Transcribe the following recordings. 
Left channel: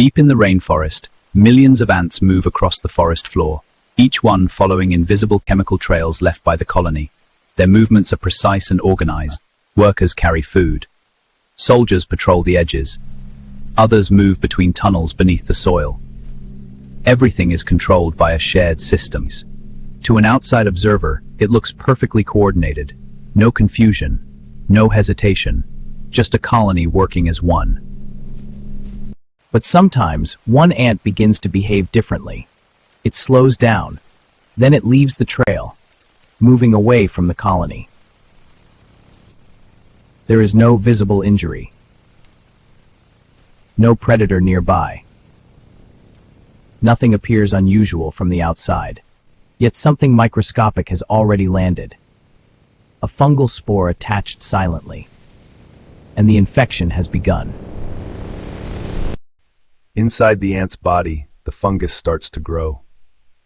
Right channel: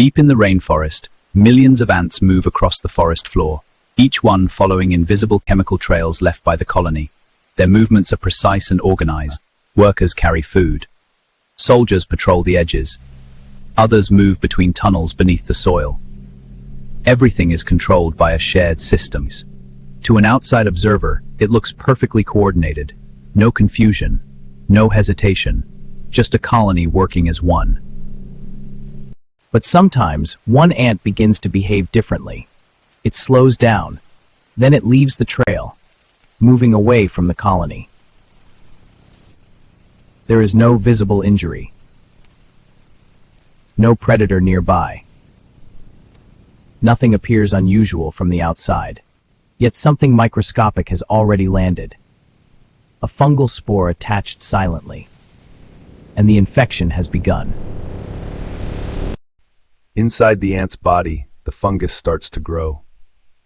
Deep in the rainforest, millions of ants move across the forest floor, each one following invisible chemical trails left by the colony. Their movements are precise and organized. Workers carry food. Soldiers patrol the edges. Others move between tunnels beneath the soil. Everything is controlled by a shared system. To an outside observer, it looks perfectly coordinated. No confusion, no hesitation, just a colony working as one. But sometimes, one ant begins to behave differently. It slows down, then it leaves the trail, moving away from the colony. There is no visible injury. No predator nearby. Nothing appears unusual from the outside. Yet something microscopic has already landed. A fungal spore attached silently. And the infection has begun. Inside the ant's body, the fungus starts to grow.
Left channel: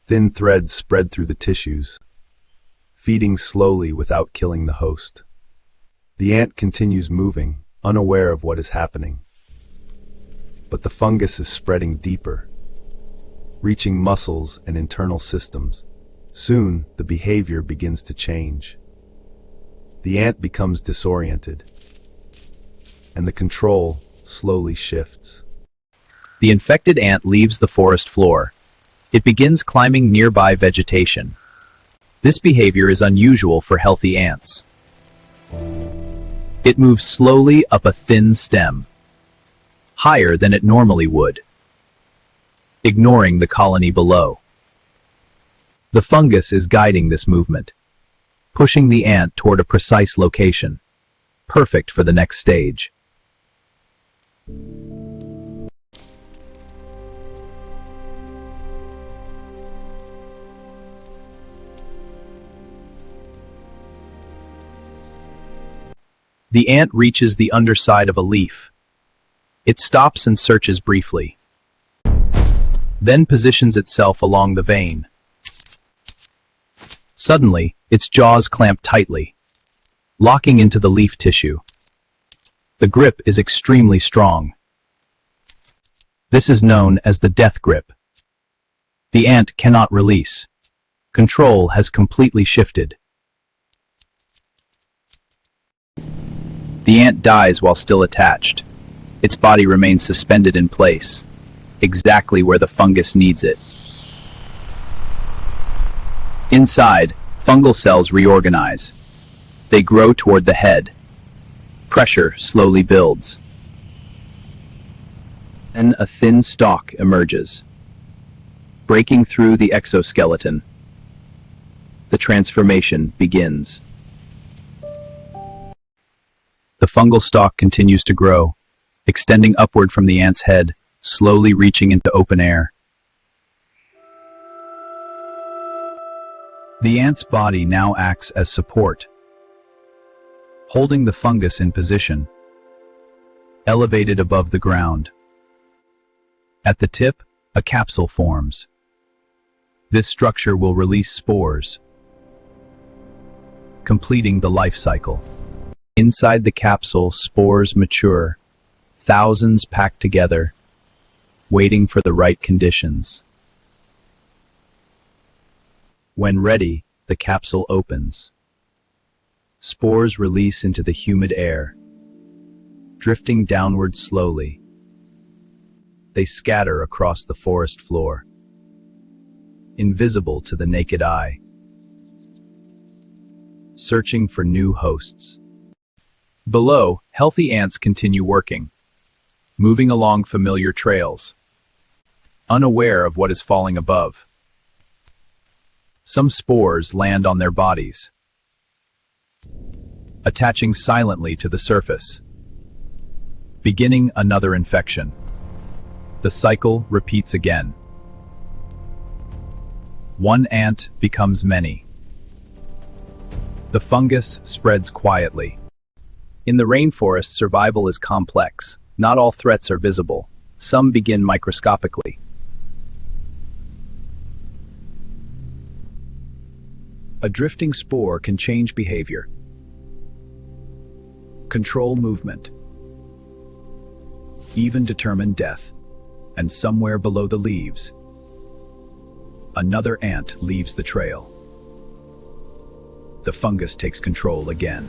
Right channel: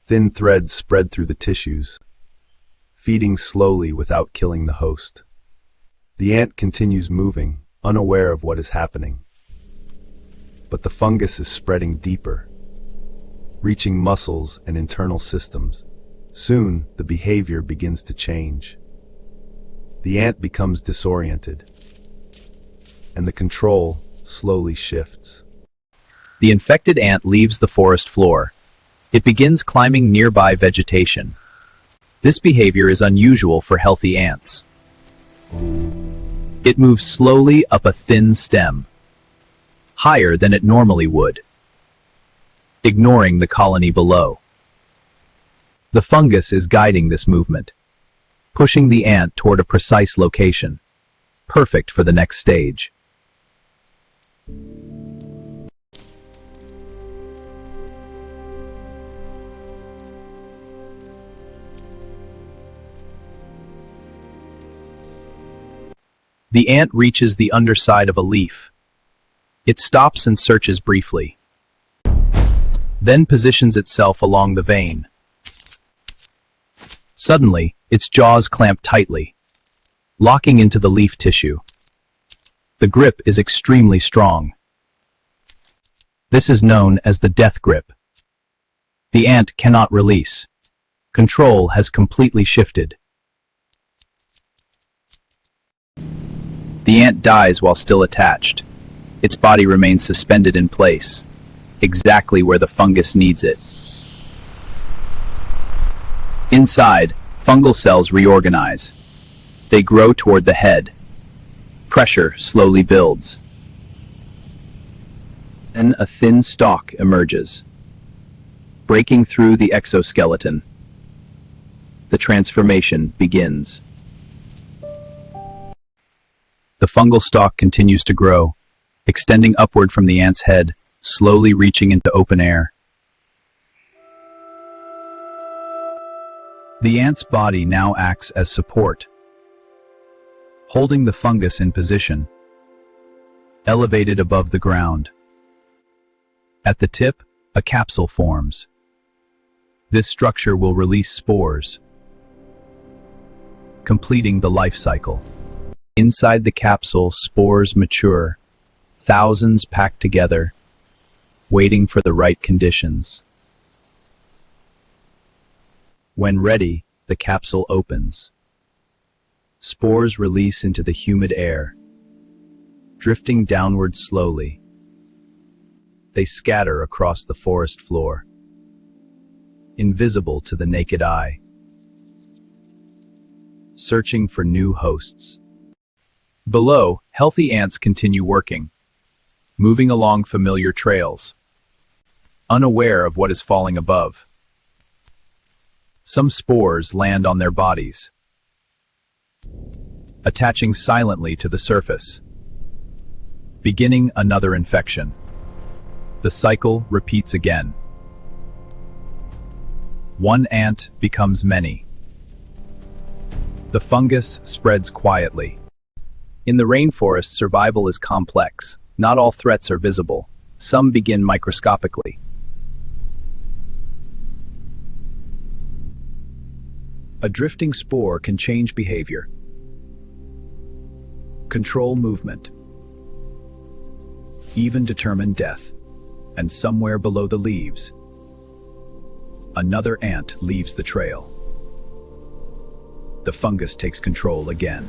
Thin threads spread through the tissues, feeding slowly without killing the host. The ant continues moving, unaware of what is happening. But the fungus is spreading deeper, reaching muscles and internal systems. Soon, the behavior begins to change. The ant becomes disoriented, and the control slowly shifts. The infected ant leaves the forest floor. It begins climbing nearby vegetation. This behavior is unusual for healthy ants. It moves slowly up a thin stem, higher than it normally would, ignoring the colony below. The fungus is guiding this movement, pushing the ant toward a precise location, perfect for the next stage. The ant reaches the underside of a leaf. It stops and searches briefly, then positions itself along the vein. Suddenly, its jaws clamp tightly, locking into the leaf tissue. The grip is extremely strong. This is known as the death grip. The ant cannot release. Control has completely shifted. The ant dies while still attached. Its body remains suspended in place, exactly where the fungus needs it. Inside, fungal cells reorganize. They grow toward the head. Pressure slowly builds. Then a thin stalk emerges, breaking through the exoskeleton. The transformation begins. The fungal stalk continues to grow, extending upward from the ant's head, slowly reaching into open air. The ant's body now acts as support, holding the fungus in position, elevated above the ground. At the tip, a capsule forms. This structure will release spores, completing the life cycle. Inside the capsule, spores mature, thousands packed together, waiting for the right conditions. When ready, the capsule opens. Spores release into the humid air, drifting downward slowly. They scatter across the forest floor, invisible to the naked eye, searching for new hosts. Below, healthy ants continue working, moving along familiar trails, unaware of what is falling above. Some spores land on their bodies, attaching silently to the surface, beginning another infection. The cycle repeats again. One ant becomes many. The fungus spreads quietly. In the rainforest, survival is complex. Not all threats are visible. Some begin microscopically. A drifting spore can change behavior, control movement, even determine death. and somewhere below the leaves, another ant leaves the trail. The fungus takes control again.